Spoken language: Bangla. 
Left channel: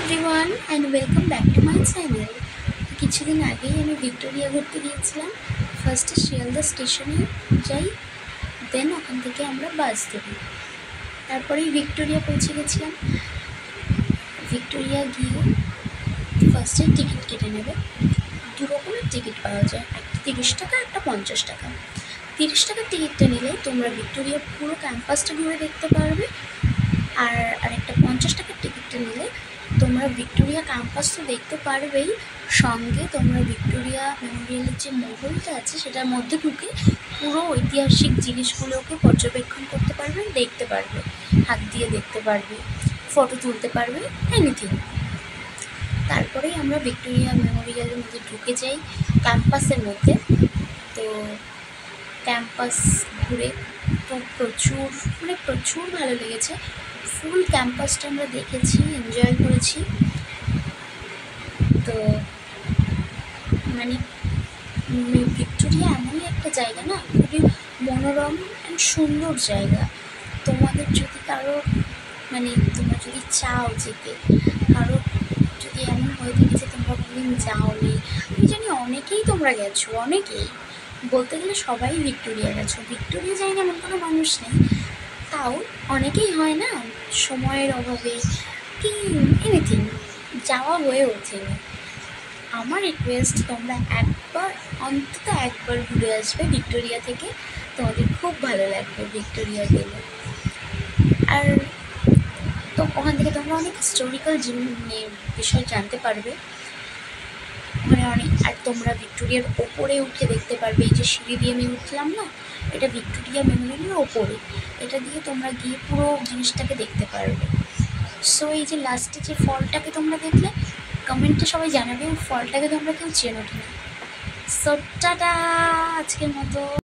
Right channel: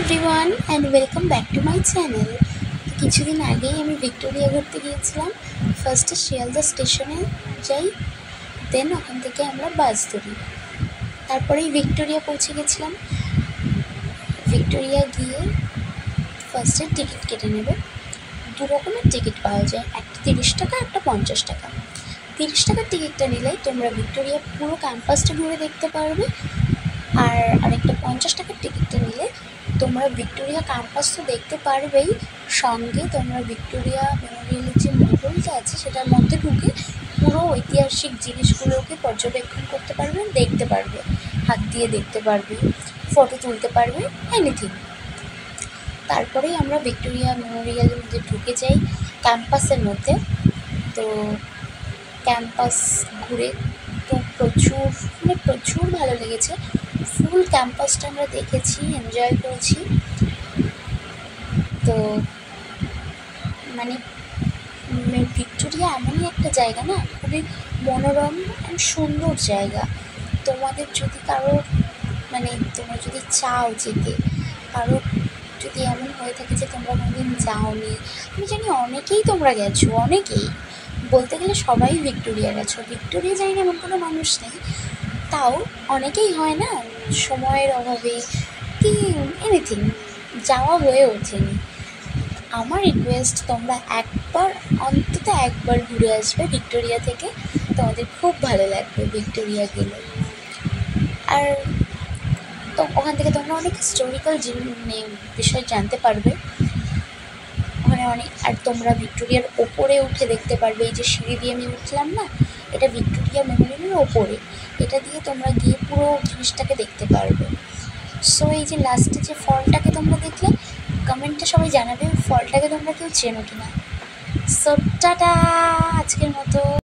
Everyone and welcome back to my channel. কিছুদিন আগেই আমি ভিক্টোরিয়া ঘুরতে গিয়েছিলাম। ফার্স্টে শিয়ালদা স্টেশনে যাই, দেন ওখান থেকে আমরা বাস ধরি, তারপরেই ভিক্টোরিয়া পৌঁছে গেছিলাম। ভিক্টোরিয়া গিয়ে ফার্স্টে টিকিট কেটে নেবে। দু রকমের টিকিট পাওয়া যায়, একটা 30 টাকা, একটা 50 টাকা। 30 টাকার টিকিটটা নিলেই তোমরা ভিক্টোরিয়া পুরো ক্যাম্পাসটা ঘুরে দেখতে পারবে, আর আরেকটা 50 টাকার টিকিটটা নিলে তোমরা ভিক্টোরিয়া ক্যাম্পাস তো দেখতে পারবেই, সঙ্গে তোমরা ভিক্টোরিয়া মেমোরিয়ালের যে মহলটা আছে সেটার মধ্যে ঢুকে পুরো ঐতিহাসিক জিনিসগুলোকে পর্যবেক্ষণ করতে পারবে, দেখতে পারবে, হাত দিয়ে দেখতে পারবে, ফটো তুলতে পারবে, এনিথিং। তারপরেই আমরা ভিক্টোরিয়া মেমোরিয়ালের মধ্যে ঢুকে যাই ক্যাম্পাসের মধ্যে। তো ক্যাম্পাস ঘুরে তো প্রচুর ভালো লেগেছে। ফুল ক্যাম্পাসটা আমরা দেখেছি, এনজয় করেছি। তো ভিক্টোরিয়া এমনই একটা জায়গা না, খুবই মনোরম অ্যান্ড সুন্দর জায়গা। তোমাদের যদি তোমরা যদি চাও যেতে, যদি এমন হয়ে থাকে যে তোমরা কোনোদিন যাওনি, আমি জানি অনেকেই তোমরা গেছো, অনেকেই বলতে গেলে সবাই ভিক্টোরিয়া গেছো। ভিক্টোরিয়া যাই না এমন কোনো মানুষ নেই, তাও অনেকেই হয় না সময়ের অভাবে কি এনিথিং যাওয়া হয়ে ওঠেনি। আমার রিকোয়েস্ট, তোমরা অন্তত একবার ঘুরে আসবে ভিক্টোরিয়া থেকে, তোমাদের খুব ভালো লাগবে ভিক্টোরিয়া গেলে। আর তো ওখান থেকে তোমরা অনেক হিস্টোরিক্যাল বিষয় জানতে পারবে ওখানে আর তোমরা ভিক্টোরিয়ার ওপরে উঠে দেখতে পারবে। এই যে সিঁড়ি দিয়ে আমি উঠলাম না, এটা ভিক্টোরিয়া মেমোরিয়ালের ওপরে, এটা দিয়ে তোমরা গিয়ে পুরো জিনিসটাকে দেখতে পারবে। সো এই যে লাস্টে যে ফলটাকে তোমরা দেখলে, কমেন্টে সবাই জানাবে ওই ফলটাকে তোমরা কেউ চেনো কিনা। সো টাটা আজকের মতো।